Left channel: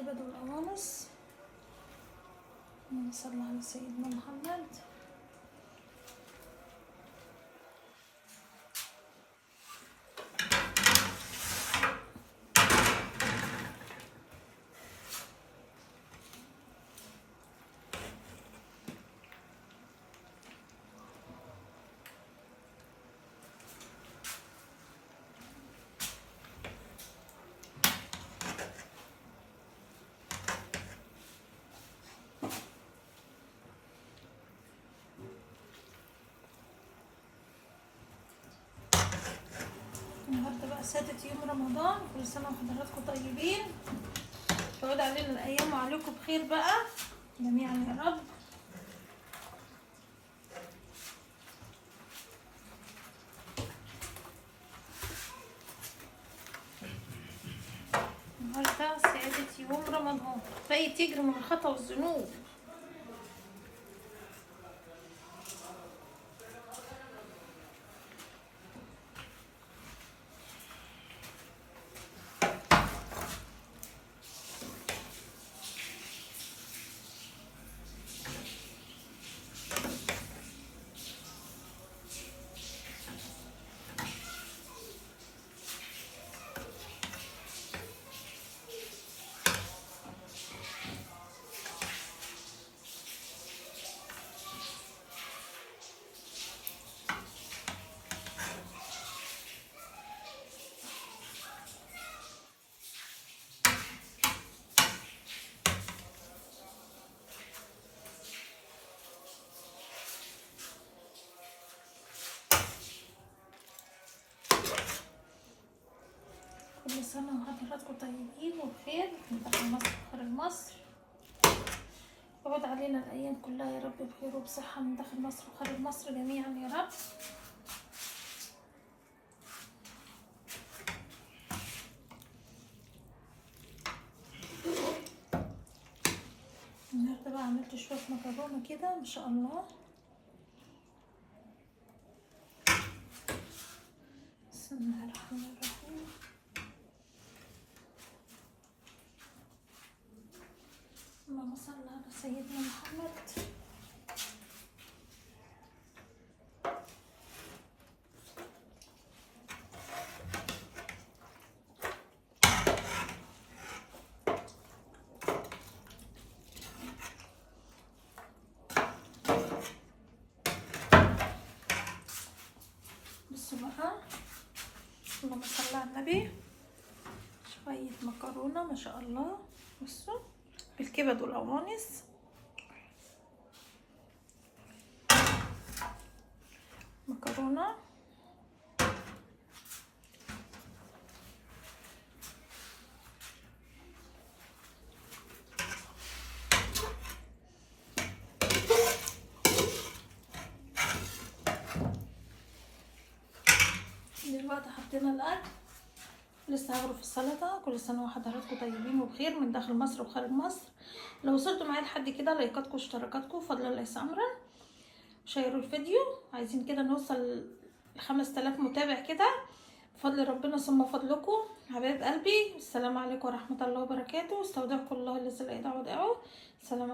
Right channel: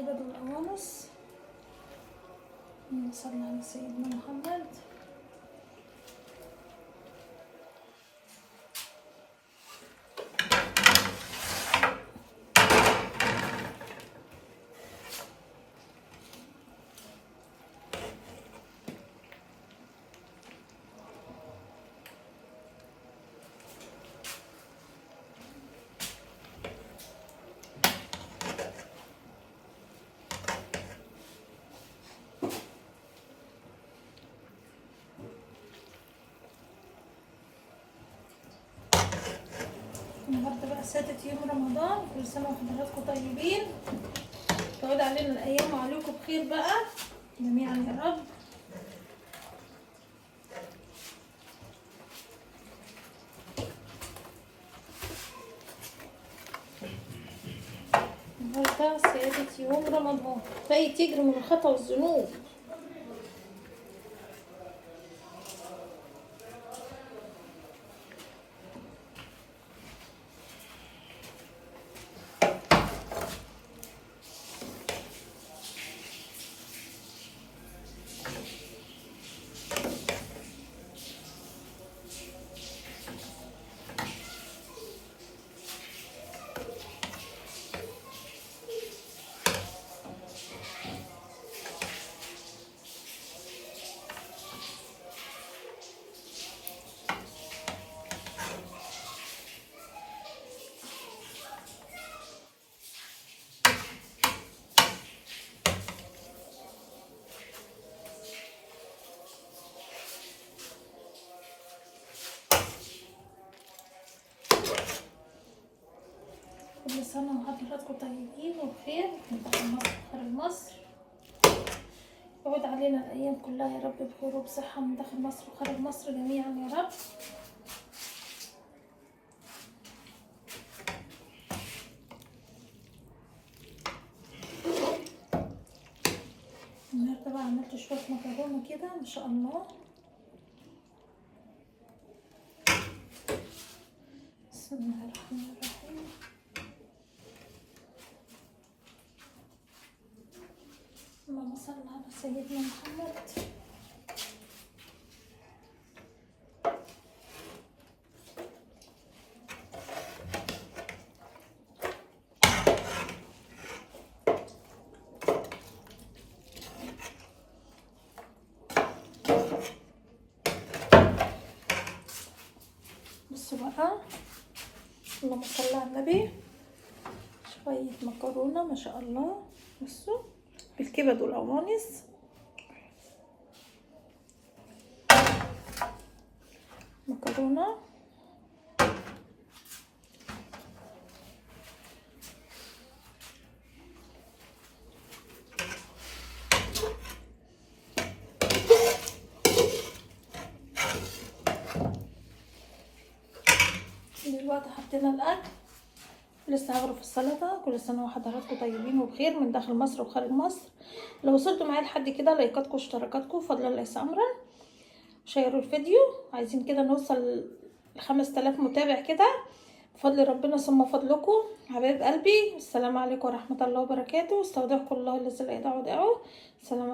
بالكبد والقوانص. نصلي على سيدنا محمد. النهارده بقى سادة يوم رمضان، كل سنة وحضراتكم طيبين. تعود علينا الأيام وعليكم بخير بقى جميعا يا رب. النهارده سادة يوم رمضان، باقي تجري من الخطا والذنوب. كل سنة وحضراتكم طيبين وبخير من داخل مصر وخارج مصر. يعود علينا الأيام كلها يا رب بخير وبصحة من داخل مصر وخارج مصر جميعا يا رب. النهارده بقى عملت شوية مكرونة كده ما شاء الله. بسم الله الرحمن الرحيم. اللهم صل على سيدنا محمد. بصوا بقى، اللهم صل على النبي. شوية مكرونة ما شاء الله، بصوا بالكبد والقوانص. مكرونة دلوقتي حطينا الاكل لسه هغرف السلطه. كل سنه وحضراتكم طيبين وبخير من داخل مصر وخارج مصر. لو وصلتوا معايا لحد كده، لايكاتكم واشتراكاتكم فضل الله امرا. شيروا الفيديو، عايزين كده نوصل ل5000 متابع كده بفضل ربنا ثم فضلكم حبايب قلبي. السلام عليكم ورحمه الله وبركاته. استودعكم الله الذي لا يضيع ودائعه. السلام